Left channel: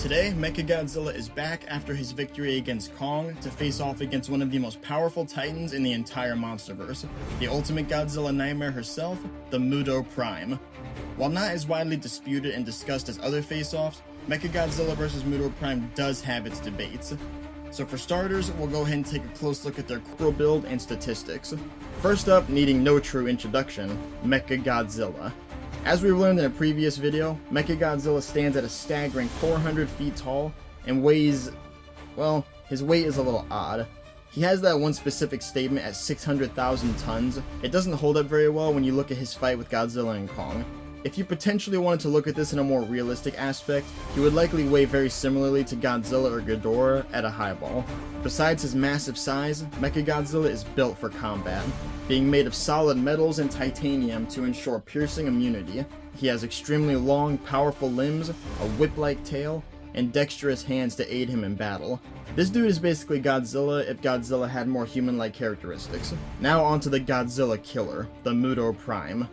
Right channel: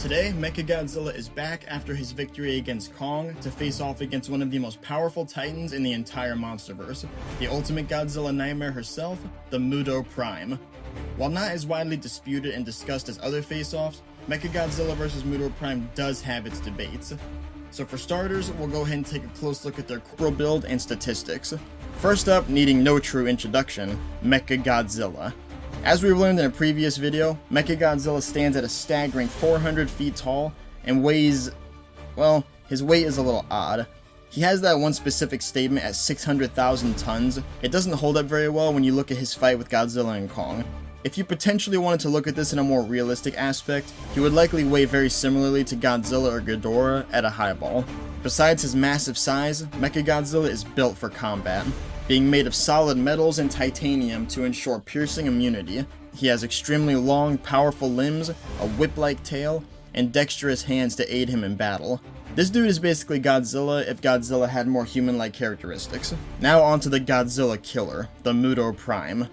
Today, Mechagodzilla is back after his victory against Kong to face off against one of the most powerful titans in the entire monsterverse, the ultimate Godzilla nightmare herself, the Muto Prime. While not as widely disputed and discussed as other face-offs, Mechagodzilla vs. Muto Prime does have its debates. So for starters, we'll go ahead and take a close look at their core build and statistics. First up, needing no true introduction, Mechagodzilla. As we've learned in a previous video, Mechagodzilla stands at a staggering 400 feet tall and weighs, well, his weight is a little odd. He has that one specific statement at 600,000 tons. It doesn't hold up very well when you look at his fight with Godzilla and Kong. If you potentially wanted to look at this in a more realistic aspect, he would likely weigh very similarly to Godzilla or Ghidorah at a highball. Besides his massive size, Mechagodzilla is built for combat, being made of solid metals and titanium to ensure piercing immunity. He has extremely long, powerful limbs, a whip-like tail, and dexterous hands to aid him in battle. This dude is basically Godzilla if Godzilla had more human-like characteristics. Now onto the Godzilla killer, the Muto Prime.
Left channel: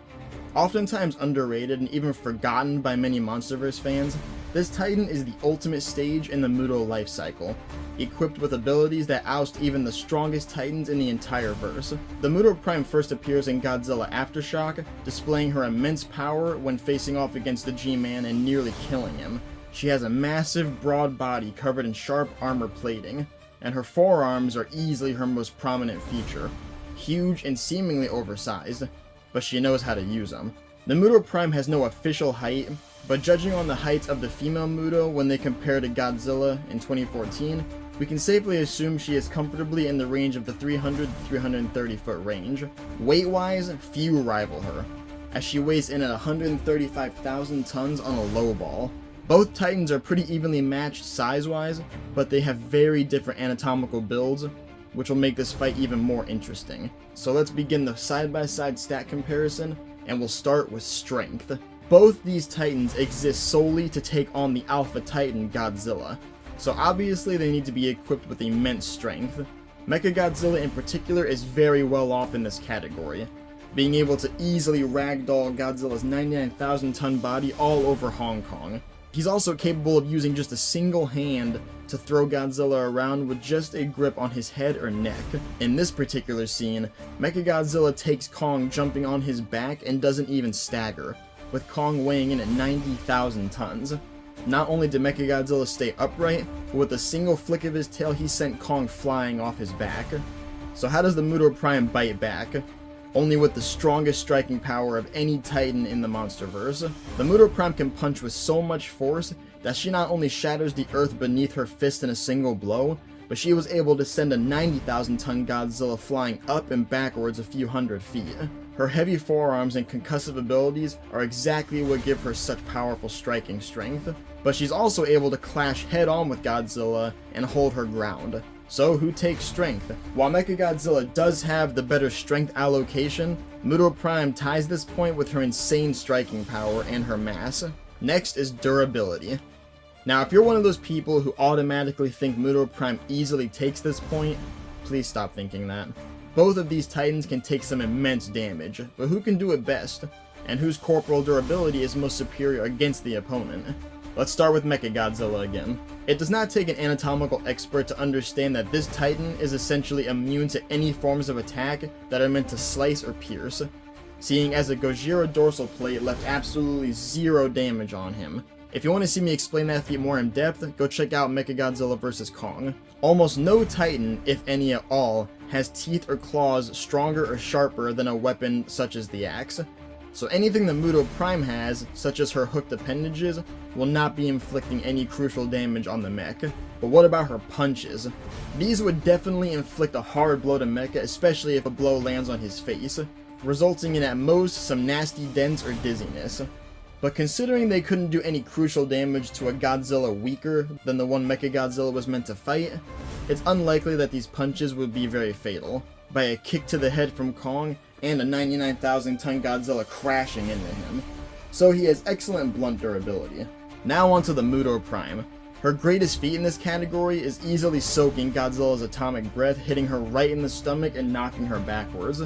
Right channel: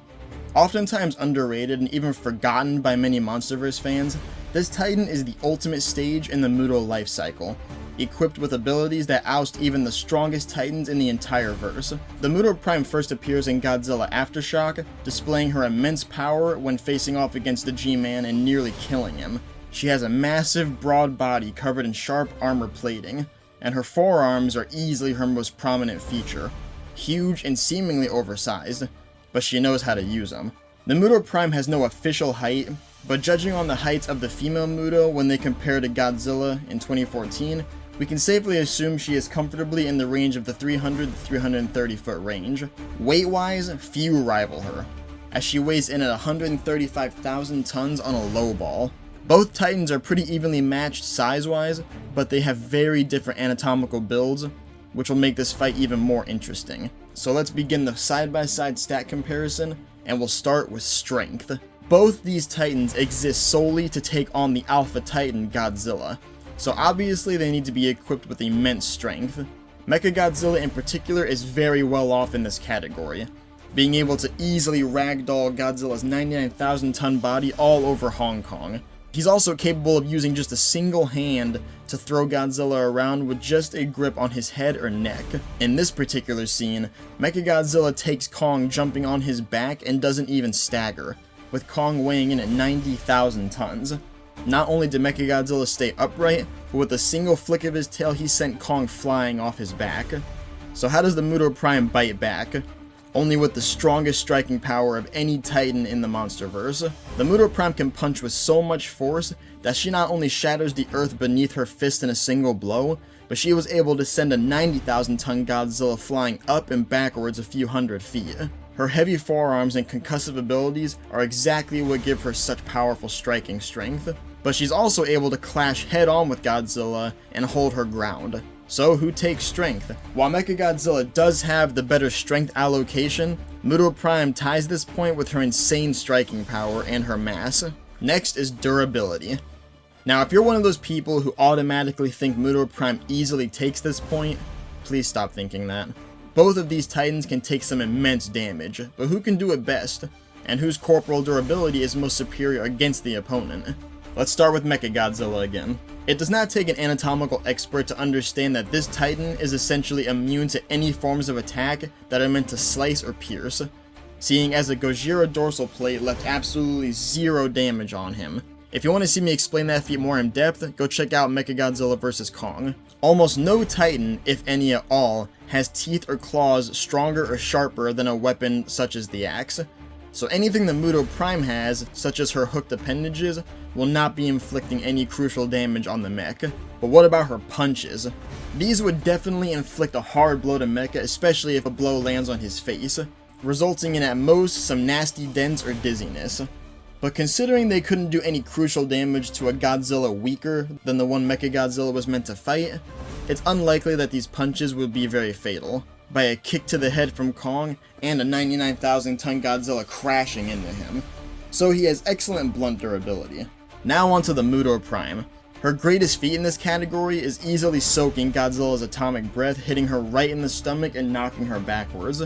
Oftentimes underrated and even forgotten by many MonsterVerse fans, this titan is the ultimate stage in the Muto life cycle, equipped with abilities that oust even the strongest titans in the entire verse. The Muto Prime first appears in Godzilla Aftershock, displaying her immense power when facing off against the G-Man and nearly killing him. She has a massive, broad body covered in sharp armor plating, and her forearms are easily her most prominent feature, huge and seemingly oversized, but she knows how to use them. The Muto Prime has no official height, but judging on the heights of the female Muto when they compare to Godzilla in 2014, we can safely assume she is comfortably in the range of the 300 to 330 foot range. Weight-wise, few rival her, as she weighs in at 135,000 tons on a low ball. Both titans are pretty evenly matched size-wise, but they have very different anatomical builds, which will make this fight even more interesting. So let's begin the side-by-side stat comparison, and we'll start with strength. Both these titans exist solely to take on the alpha titan Godzilla, so obviously they need to be equipped with immense strength. Mechagodzilla in particular is very well off in this category, being able to easily ragdoll Godzilla's 99,000 ton body all over Hong Kong. He's also capable of using just a single hand to throw Godzilla around with just a grip on his head or neck. In this particular scene, Mechagodzilla takes Kong jumping on his back and doesn't even stagger, with Kong weighing in at 90,000 tons. Not only did Mechagodzilla stay upright, but with a single flick of his tail he sent Kong flying off his back. So how does the Muto Prime bite back? Only with the strongest striking power of any titan in the MonsterVerse. The Muto Prime can punch with so much force that she not only shatters the earth beneath her fist in a single blow, but she was able to send a 90,000 ton Godzilla flying up and backwards a few hundred feet. Her heavy forearms and concussive abilities are exactly what give her such powerful striking strength, but she's also able to clash head-on with Godzilla and hold her ground. So who takes strength? While Mechagodzilla does have the better strength allocation, Muto Prime ties this point with her insane striking power and her mass. Next is durability. Now if you're one of those people who automatically think Muto Prime easily takes this point, please stop thinking that. Both of these titans can take some immense damage, but who can do it best? And whose corporal durability is most superior against the opponent? Let's start with Mechagodzilla again. It does not take an anatomical expert to understand that this titan is essentially immune to any forms of attack that are meant to slice or pierce, seeing as the Gojira dorsal plate left absolutely zero damage on him. If you want to see me explain that feat more in depth, go check out Mechagodzilla vs. Kong. Almost no titan, if any at all, has teeth or claws stronger or sharper than a weapon such as the axe. So anything the Muto Prime has, such as her hooked appendages, will not be inflicting any crucial damage on the mech. But what about her punches? These would definitely inflict a hard blow to Mecha, especially if a blow lands on his face, resulting in at most some nasty dents or dizziness. But considering they couldn't do any crucial damage to a Godzilla weaker than the one Mechagodzilla was meant to fight, it's unlikely that these punches will be very fatal, by a kick to the head from Kong and a 99,000 ton Godzilla crashing into him. So he has excellent blunt durability. Now onto the Muto Prime. Her greatest feat in this category is easily soaking Godzilla's atomic breath, hitting her right in the stomach and knocking her backwards.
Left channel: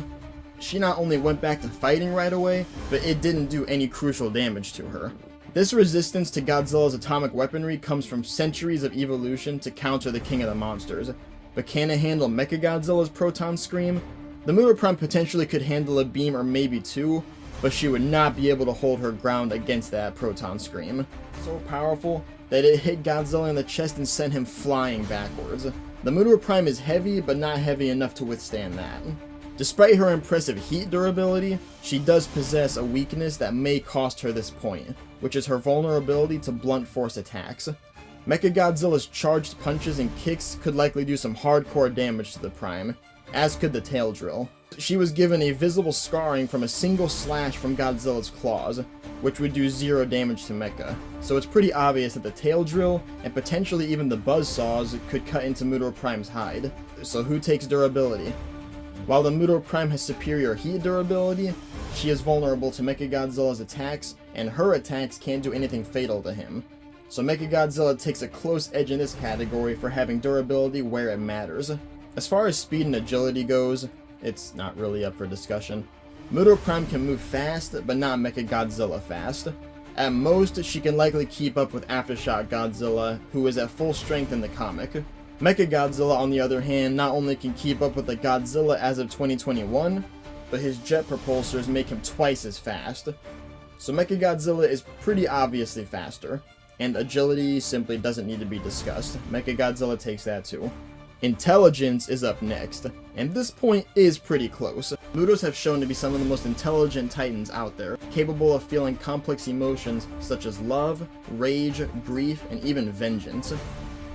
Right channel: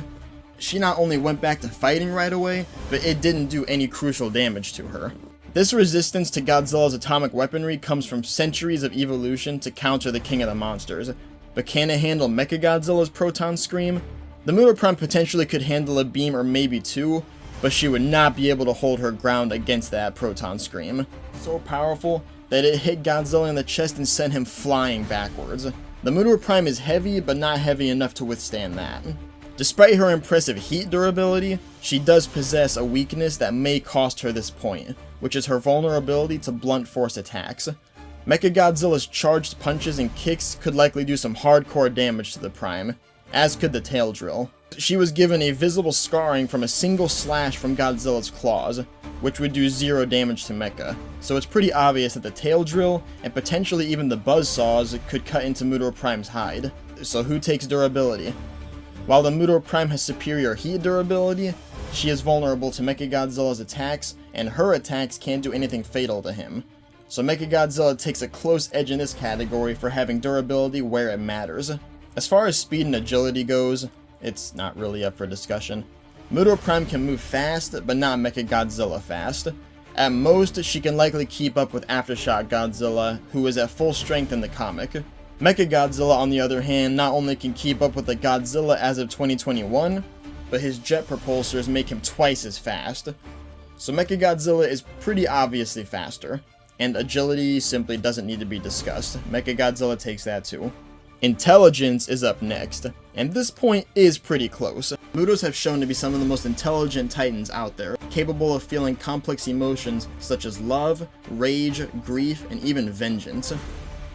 She not only went back to fighting right away, but it didn't do any crucial damage to her. This resistance to Godzilla's atomic weaponry comes from centuries of evolution to counter the king of the monsters. But can it handle Mechagodzilla's proton scream? The Muto Prime potentially could handle a beam or maybe two, but she would not be able to hold her ground against that proton scream. So powerful that it hit Godzilla in the chest and sent him flying backwards. The Muto Prime is heavy, but not heavy enough to withstand that. Despite her impressive heat durability, she does possess a weakness that may cost her this point, which is her vulnerability to blunt force attacks. Mechagodzilla's charged punches and kicks could likely do some hardcore damage to the Prime, as could the tail drill. She was given a visible scarring from a single slash from Godzilla's claws, which would do 0 damage to Mecha, so it's pretty obvious that the tail drill, and potentially even the buzzsaws, could cut into Muto Prime's hide. So who takes durability? While the Muto Prime has superior heat durability, she is vulnerable to Mechagodzilla's attacks, and her attacks can't do anything fatal to him. So Mechagodzilla takes a close edge in this category for having durability where it matters. As far as speed and agility goes, it's not really up for discussion. Muto Prime can move fast, but not Mechagodzilla fast. At most, she can likely keep up with Aftershock Godzilla, who is at full strength in the comic. Mechagodzilla, on the other hand, not only can keep up with the Godzilla as of 2021, but his jet propulsors make him twice as fast. So Mechagodzilla is pretty obviously faster, and agility simply doesn't need to be discussed. Mechagodzilla takes that too. Intelligence is up next, and this point is pretty close. Mutos have shown to be some of the most intelligent titans out there, capable of feeling complex emotions such as love, rage, grief, and even vengeance.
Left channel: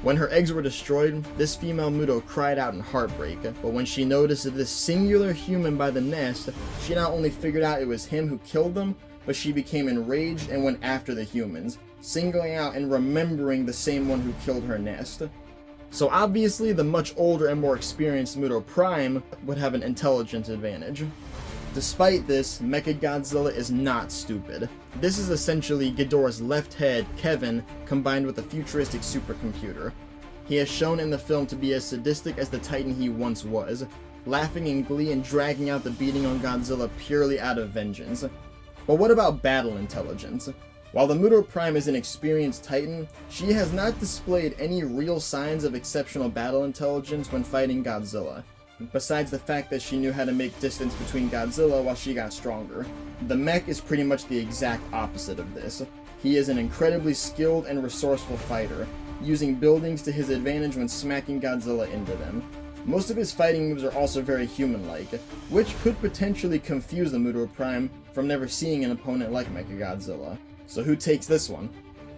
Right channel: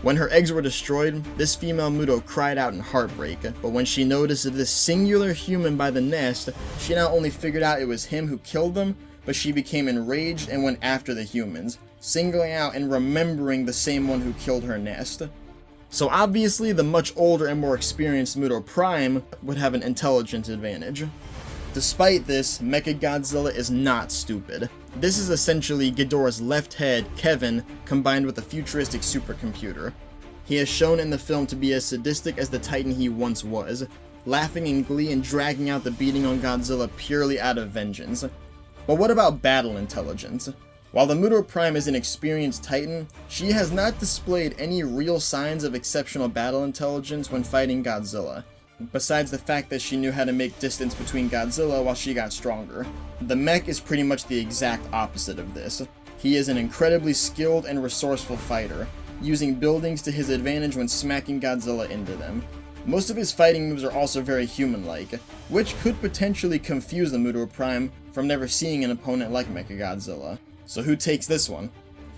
When her eggs were destroyed, this female Muto cried out in heartbreak, but when she noticed this singular human by the nest, she not only figured out it was him who killed them, but she became enraged and went after the humans, singling out and remembering the same one who killed her nest. So obviously, the much older and more experienced Muto Prime would have an intelligence advantage. Despite this, Mechagodzilla is not stupid. This is essentially Ghidorah's left head, Kevin, combined with a futuristic supercomputer. He is shown in the film to be as sadistic as the Titan he once was, laughing in glee and dragging out the beating on Godzilla purely out of vengeance. But what about battle intelligence? While the Muto Prime is an experienced Titan, she has not displayed any real signs of exceptional battle intelligence when fighting Godzilla, besides the fact that she knew how to make distance between Godzilla while she got stronger. The mech is pretty much the exact opposite of this. He is an incredibly skilled and resourceful fighter, using buildings to his advantage when smacking Godzilla into them. Most of his fighting moves are also very human-like, which could potentially confuse the Muto Prime from never seeing an opponent like Mechagodzilla. So who takes this one?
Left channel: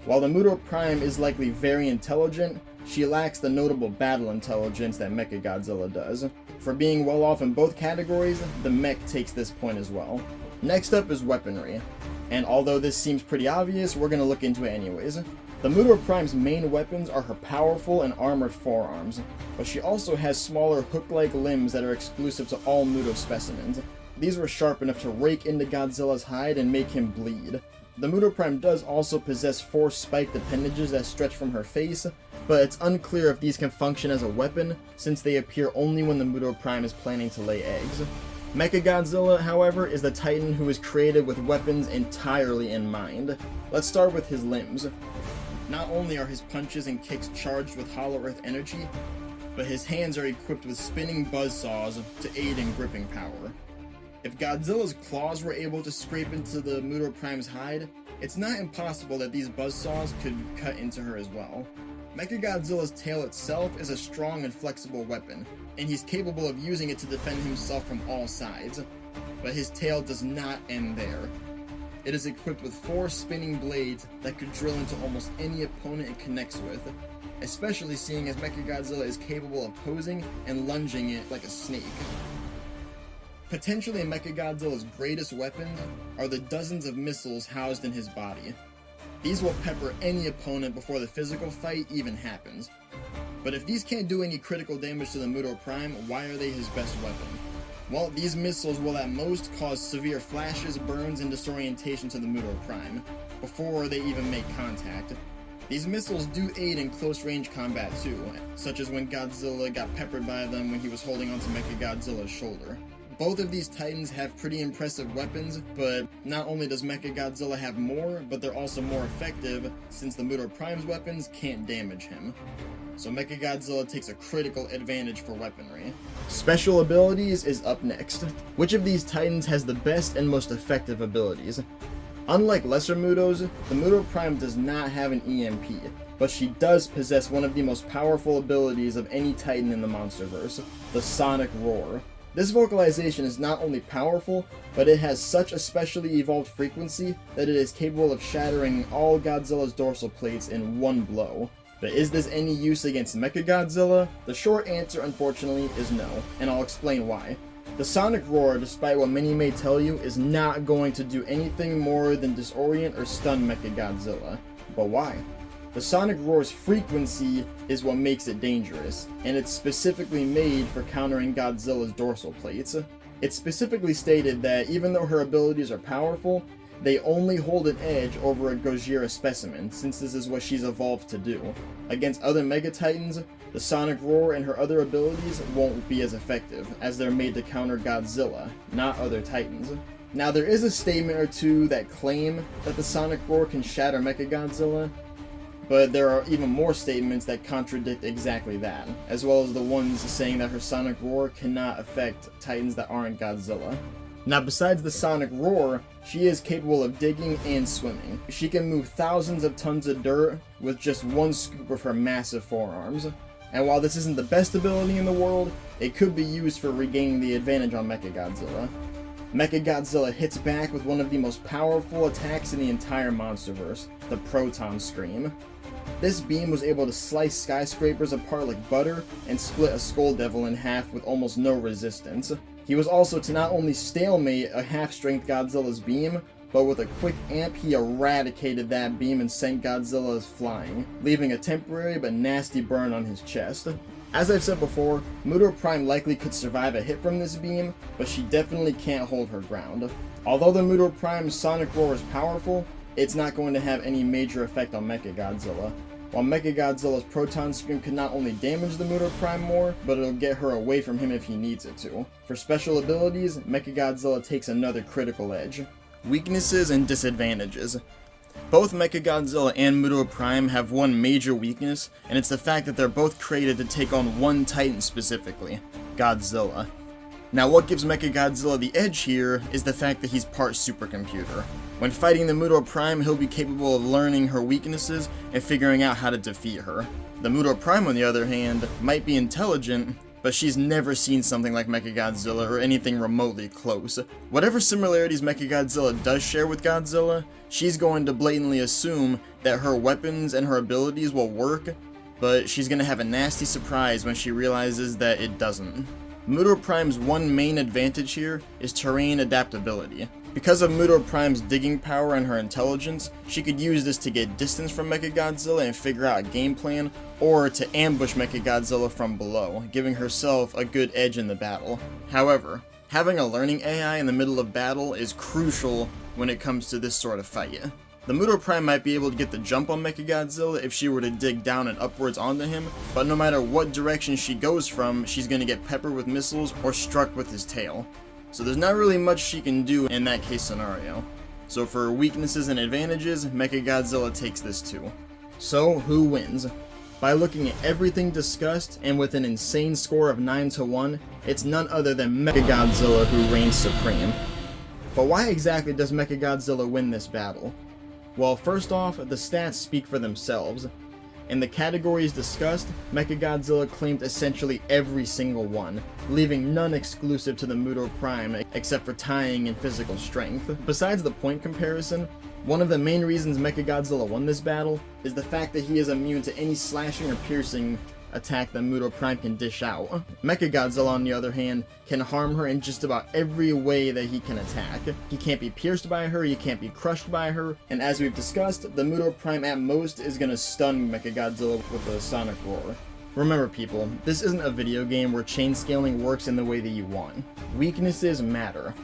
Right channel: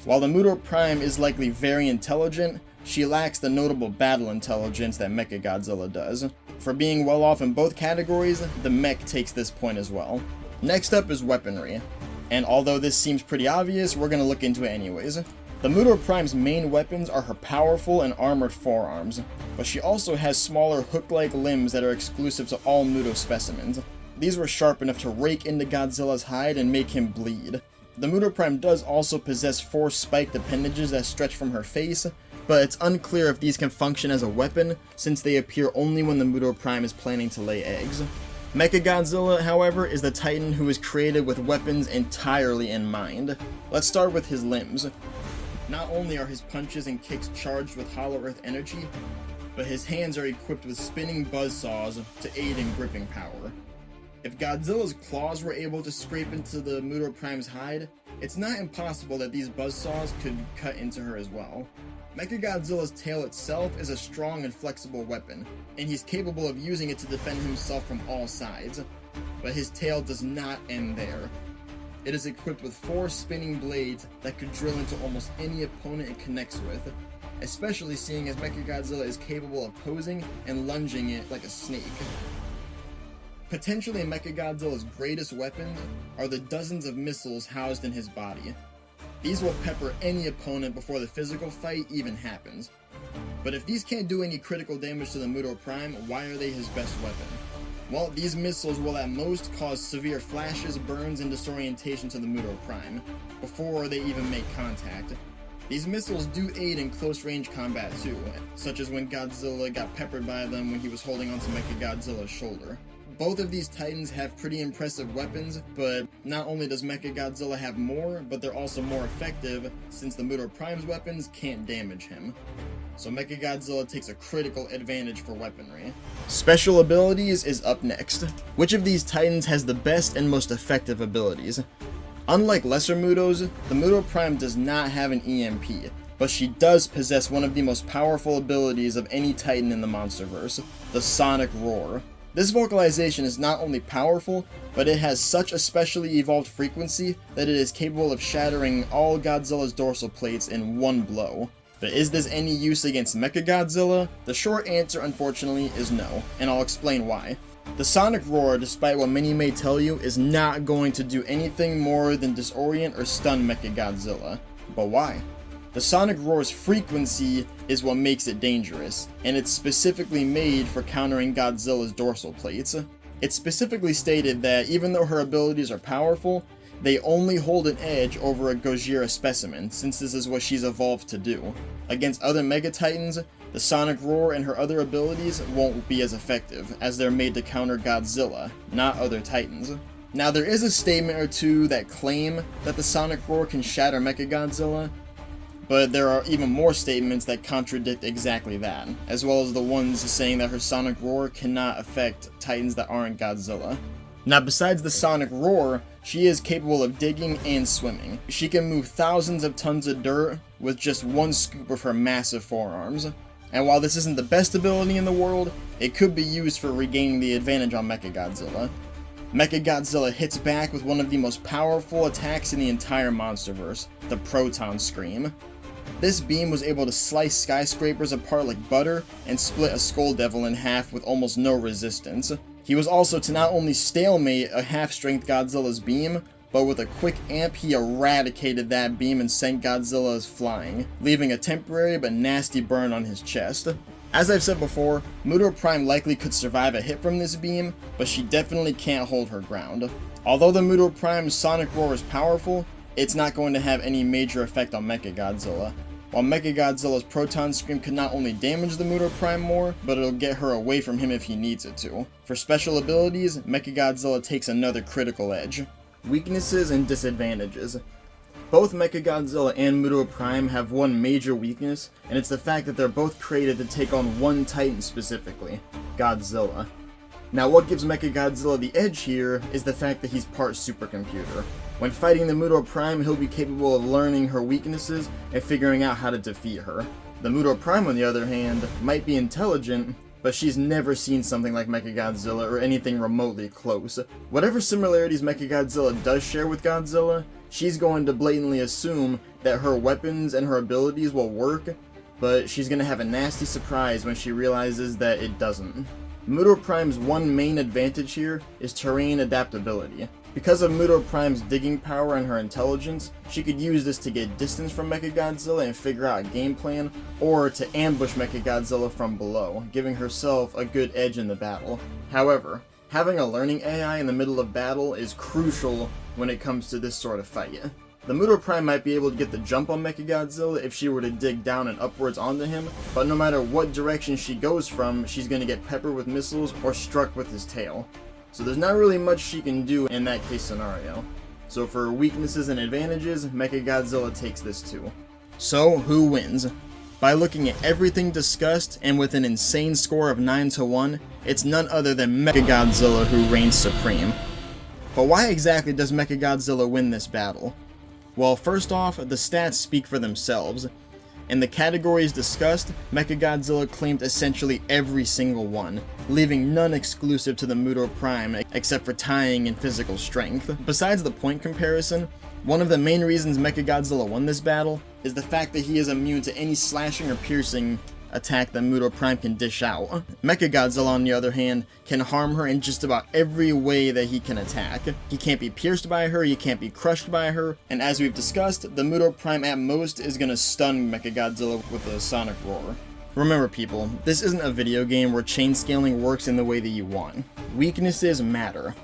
While the Muto Prime is likely very intelligent, she lacks the notable battle intelligence that Mechagodzilla does. For being well off in both categories, the mech takes this point as well. Next up is weaponry, and although this seems pretty obvious, we're going to look into it anyways. The Muto Prime's main weapons are her powerful and armored forearms, but she also has smaller hook-like limbs that are exclusive to all Muto specimens. These were sharp enough to rake into Godzilla's hide and make him bleed. The Muto Prime does also possess 4 spiked appendages that stretch from her face, but it's unclear if these can function as a weapon, since they appear only when the Muto Prime is planning to lay eggs. Mechagodzilla, however, is the Titan who is created with weapons entirely in mind. Let's start with his limbs. Not only are his punches and kicks charged with Hollow Earth energy, but his hands are equipped with spinning buzzsaws to aid in gripping power. If Godzilla's claws were able to scrape into the Muto Prime's hide, it's not impossible that these buzzsaws could cut into her as well. Mechagodzilla's tail itself is a strong and flexible weapon, and he's capable of using it to defend himself from all sides. But his tail does not end there. It is equipped with 4 spinning blades that could drill into almost any opponent it connects with, especially seeing as Mechagodzilla is capable of posing and lunging it like a snake. Potentially Mechagodzilla's greatest weapons are the dozens of missiles housed in his body. These will pepper any opponent before the physical fight even happens. But if these can't do any critical damage to the Muto Prime, why are they his best weapon? Well, these missiles will at most cause severe flashes, burns, and disorientation to the Muto Prime, before they even make contact. These missiles do aid in close-range combat too, such as when Godzilla got peppered by them when he was holding onto Mechagodzilla's shoulder. Both of these titans have pretty impressive weapons, but not only does Mechagodzilla have more, but they're also more effective since the Muto Prime's weapons can't damage him. So Mechagodzilla takes a critical advantage for weaponry. Special abilities is up next. Which of these titans has the best and most effective abilities? Unlike lesser Mutos, the Muto Prime does not have an EMP, but she does possess one of the most powerful abilities of any titan in the monsterverse, the Sonic Roar. This vocalization is not only powerful, but it has such a specially evolved frequency that it is capable of shattering all Godzilla's dorsal plates in one blow. But is this any use against Mechagodzilla? The short answer, unfortunately, is no, and I'll explain why. The Sonic Roar, despite what many may tell you, is not going to do anything more than disorient or stun Mechagodzilla. But why? The Sonic Roar's frequency is what makes it dangerous, and it's specifically made for countering Godzilla's dorsal plates. It's specifically stated that even though her abilities are powerful, they only hold an edge over a Gojira specimen, since this is what she's evolved to do. Against other Mega Titans, the Sonic Roar and her other abilities won't be as effective, as they're made to counter Godzilla, not other Titans. Now there is a statement or two that claim that the Sonic Roar can shatter Mechagodzilla, but there are even more statements that contradict exactly that, as well as the ones saying that her Sonic Roar cannot affect Titans that aren't Godzilla. Now besides the Sonic Roar, she is capable of digging and swimming. She can move thousands of tons of dirt with just one scoop of her massive forearms. And while this isn't the best ability in the world, it could be used for regaining the advantage on Mechagodzilla. Mechagodzilla hits back with one of the most powerful attacks in the entire monsterverse, the Proton Scream. This beam was able to slice skyscrapers apart like butter and split a Skull Devil in half with almost no resistance. He was also to not only stalemate a half-strength Godzilla's beam, but with a quick amp he eradicated that beam and sent Godzilla flying, leaving a temporary but nasty burn on his chest. As I've said before, Muto Prime likely could survive a hit from this beam, but she definitely can't hold her ground. Although the Muto Prime's Sonic Roar is powerful, it's not going to have any major effect on Mechagodzilla. While Mechagodzilla's Proton Scream can not only damage the Muto Prime more, but it'll get her away from him if he needs it to. For special abilities, Mechagodzilla takes another critical edge. Weaknesses and disadvantages. Both Mechagodzilla and Muto Prime have one major weakness, and it's the fact that they're both created to take on one Titan specifically, Godzilla. Now what gives Mechagodzilla the edge here is the fact that he's part supercomputer. When fighting the Muto Prime, he'll be capable of learning her weaknesses and figuring out how to defeat her. The Muto Prime, on the other hand, might be intelligent, but she's never seen something like Mechagodzilla or anything remotely close. Whatever similarities Mechagodzilla does share with Godzilla, she's going to blatantly assume that her weapons and her abilities will work, but she's going to have a nasty surprise when she realizes that it doesn't. Muto Prime's one main advantage here is terrain adaptability. Because of Muto Prime's digging power and her intelligence, she could use this to get distance from Mechagodzilla and figure out a game plan, or to ambush Mechagodzilla from below, giving herself a good edge in the battle. However, having a learning AI in the middle of battle is crucial when it comes to this sort of fight. The Muto Prime might be able to get the jump on Mechagodzilla if she were to dig down and upwards onto him, but no matter what direction she goes from, she's going to get peppered with missiles or struck with his tail. So there's not really much she can do in that case scenario. So for weaknesses and advantages, Mechagodzilla takes this too. So who wins? By looking at everything discussed and with an insane score of 9-1, it's none other than Mechagodzilla who reigns supreme. But why exactly does Mechagodzilla win this battle? Well, first off, the stats speak for themselves. In the categories discussed, Mechagodzilla claimed essentially every single one, leaving none exclusive to the Muto Prime except for tying and physical strength. Besides the point comparison, one of the main reasons Mechagodzilla won this battle is the fact that he is immune to any slashing or piercing attack that Muto Prime can dish out. Mechagodzilla, on the other hand, can harm her in just about every way that he can attack. He can't be pierced by her, he can't be crushed by her, and as we've discussed, the Muto Prime at most is gonna stun Mechagodzilla with a Sonic Roar. Remember people, this isn't a video game where chain scaling works in the way that you want. Weaknesses matter.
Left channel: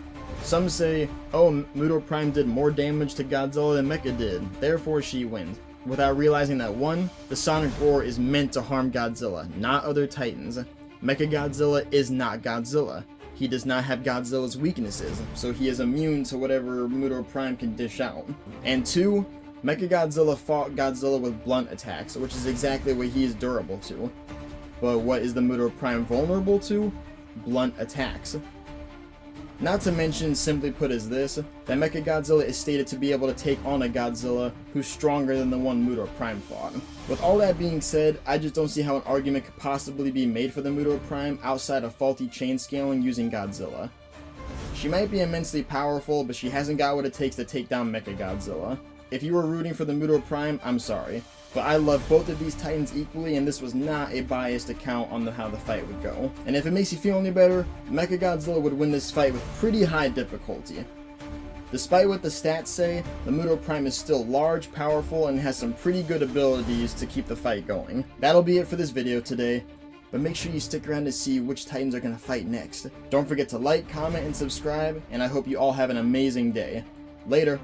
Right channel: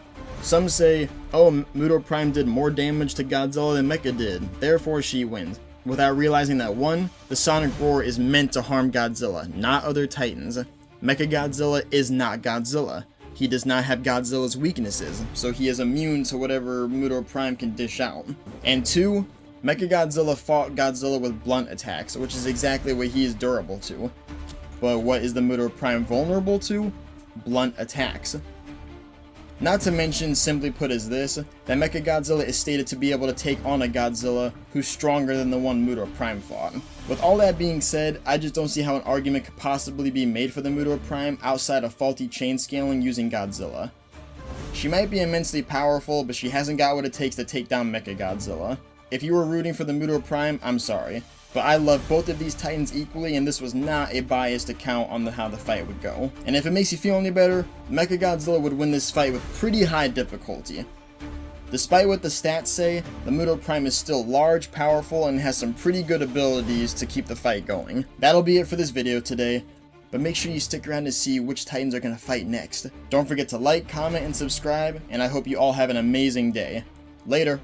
Some say, oh, Muto Prime did more damage to Godzilla than Mecha did, therefore she wins, without realizing that 1, the Sonic Roar is meant to harm Godzilla, not other Titans. Mechagodzilla is not Godzilla. he does not have Godzilla's weaknesses, so he is immune to whatever Muto Prime can dish out. And 2, Mechagodzilla fought Godzilla with blunt attacks, which is exactly what he is durable to. But what is the Muto Prime vulnerable to? Blunt attacks. Not to mention, simply put as this, that Mechagodzilla is stated to be able to take on a Godzilla who's stronger than the one Muto Prime fought. With all that being said, I just don't see how an argument could possibly be made for the Muto Prime outside of faulty chain scaling using Godzilla. She might be immensely powerful, but she hasn't got what it takes to take down Mechagodzilla. If you were rooting for the Muto Prime, I'm sorry. But I love both of these titans equally, and this was not a biased account on how the fight would go. And if it makes you feel any better, Mechagodzilla would win this fight with pretty high difficulty. Despite what the stats say, the Muto Prime is still large, powerful, and has some pretty good abilities to keep the fight going. That'll be it for this video today, but make sure you stick around to see which titans are going to fight next. Don't forget to like, comment, and subscribe, and I hope you all have an amazing day. Later!